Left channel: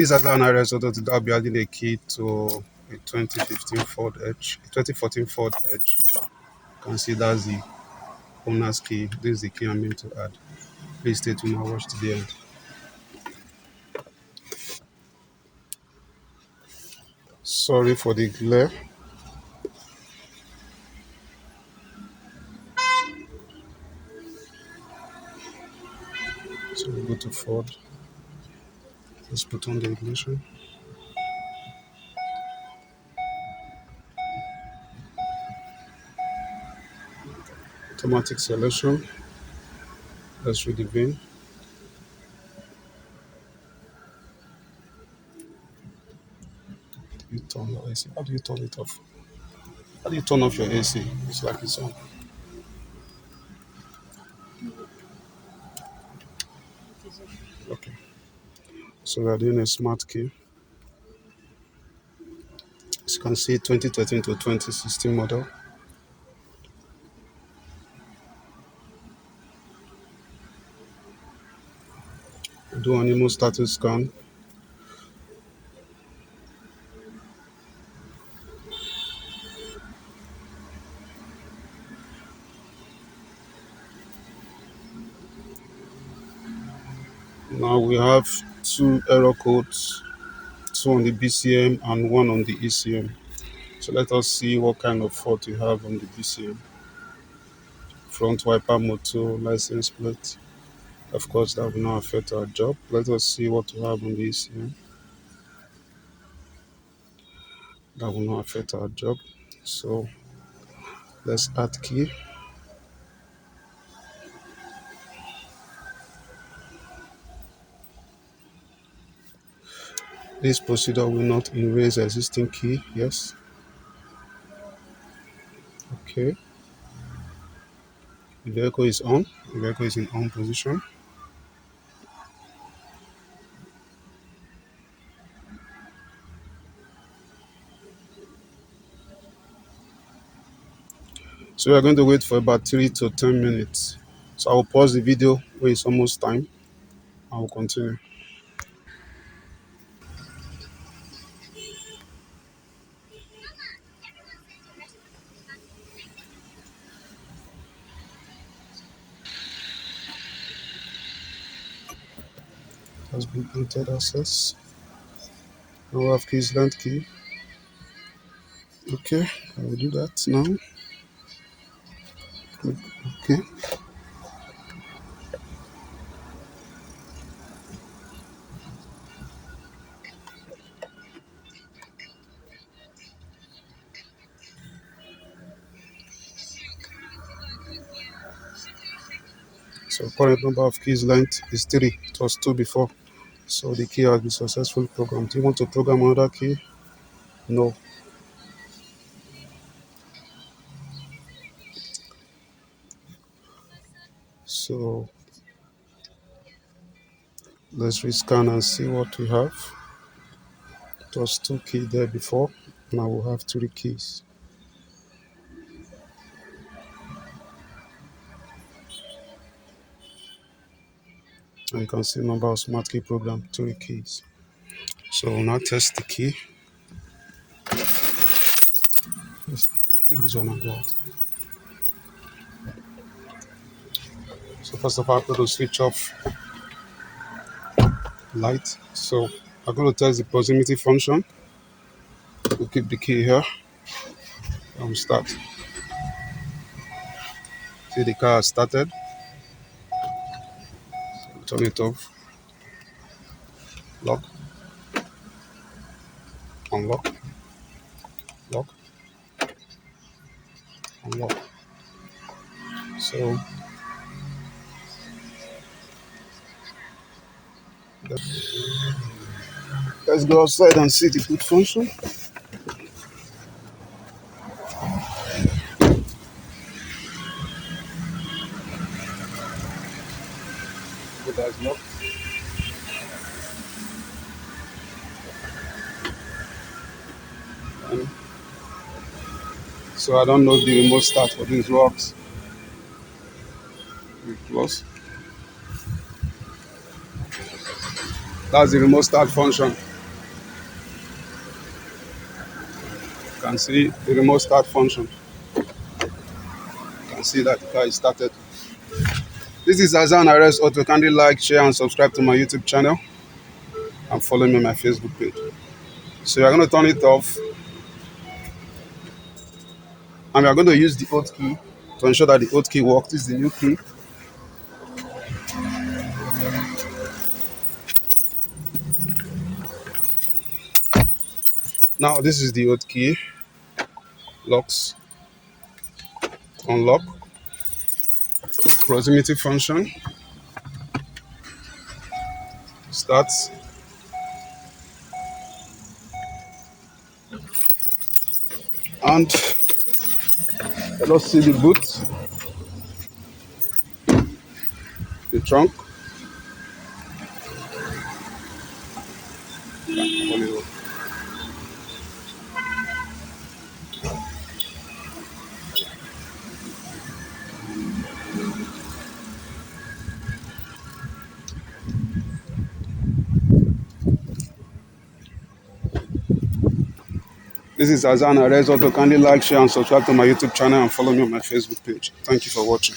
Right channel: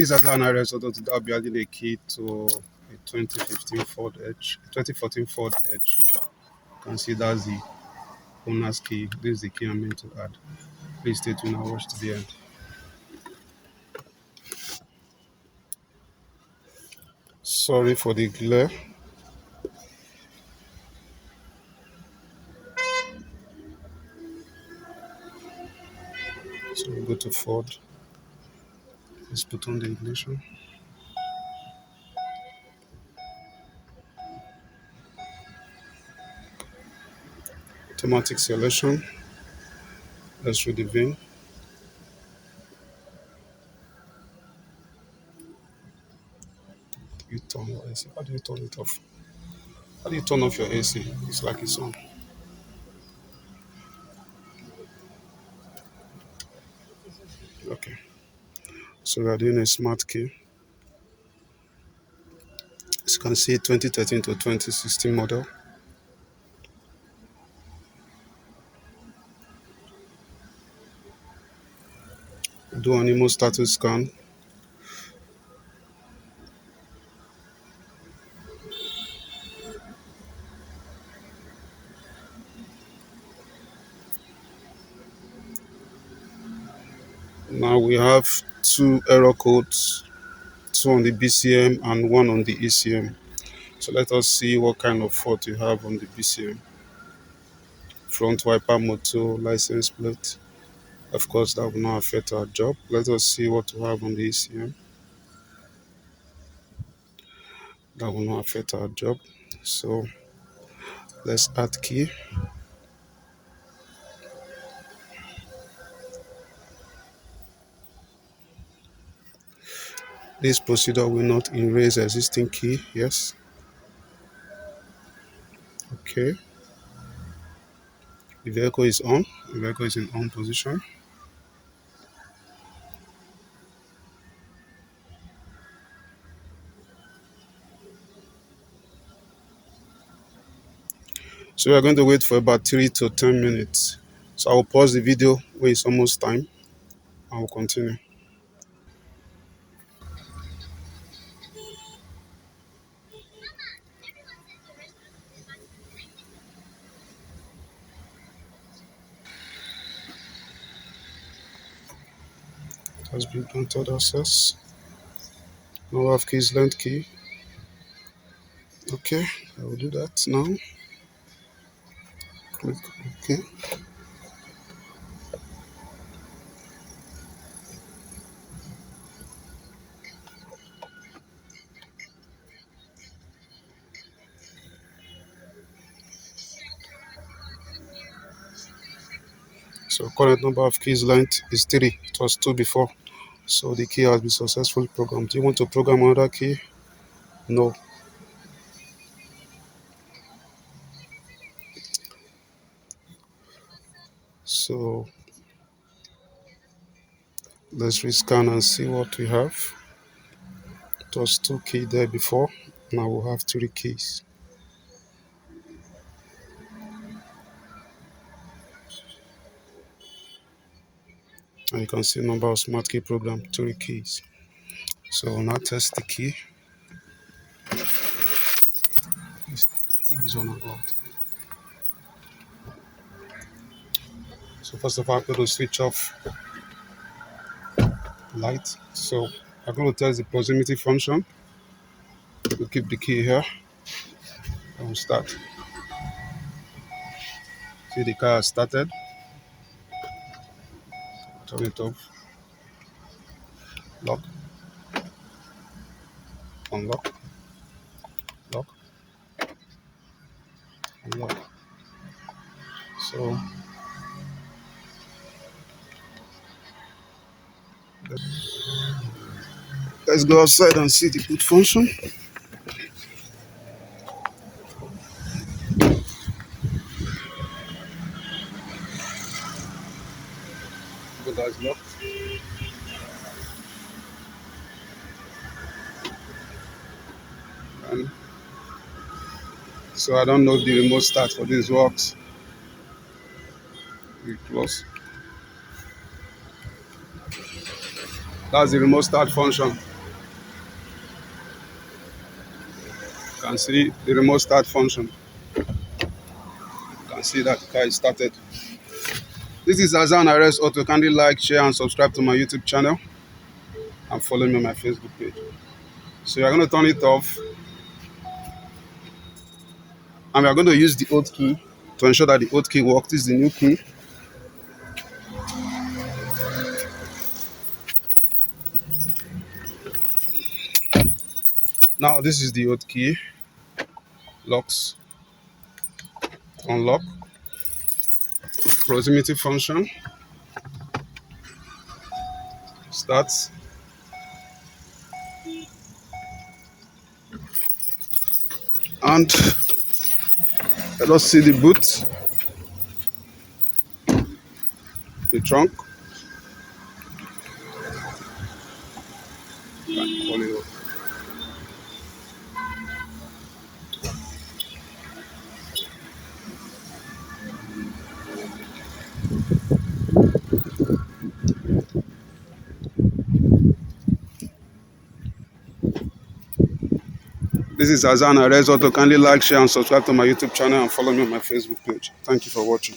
Please, as an result of that, I'll be adding a key to a 2015 Ford Edge, 2014 Ford Edge. You can see that's the owner's key. This is the key I'm going to add. Please stay tuned and watch to the end. Sorry for the glare. So we go to Ford. Let's put on the ignition. Automatic selection. Let's read the VIN. You turn your AC. How do you turn it off? How do you turn off your AC? It's like it's on. Okay. So we are doing a smart key. As you can see, 2013 to 2016 model. Do animal status scan. Now we have two error codes, two on the BCM and one on the ECM. So let us see what kind of fault we have on the BCM. Front wiper motor, license plate. Of course, that will not affect our job. Let us see what we have on the ECM. That will not affect our job. So let's add key. This procedure will not erase existing key. Yes. Okay. The vehicle is on. The vehicle is in on position. So we are going to wait for about 3 to 10 minutes. So I'll pause the video when it's almost time. I will continue. It has been granted access. Number of keys, length key. Okay, I will do that now. Click OK. So current number of keys length is 3. It was 2 before. So the key has been successfully programmed. Do you want to program another key? No. So let's rescan and see what we have. It was 2 keys there before. Now we'll have 3 keys. And you can see number of smart key program, 3 keys. So we'll now test the key. Let's take this one and go out. So first of all, I'm going to switch off light. So I'm going to test the proximity function. We'll keep the key here and we'll start. See, the car has started. Turn it off. Lock. Unlock. Lock. Unlock. So let's go outside and see the boot function. Boot is locked. So I don't know if the remote start for this works. We close. That's the remote start function. can see the remote start function. You can see that the car is started. This is Azan Arrest Auto. Kindly like, share, and subscribe to my YouTube channel and follow me on my Facebook page. So you're going to turn it off, and we are going to use the old key to ensure that the old key works. This is the new key. Now this is the old key. Locks, unlock, proximity function, start, and let us see the boot, the trunk. This is Azan Arrest Auto. Kindly like, share, and subscribe to my YouTube channel and follow me on my Facebook page. Thank you for watching.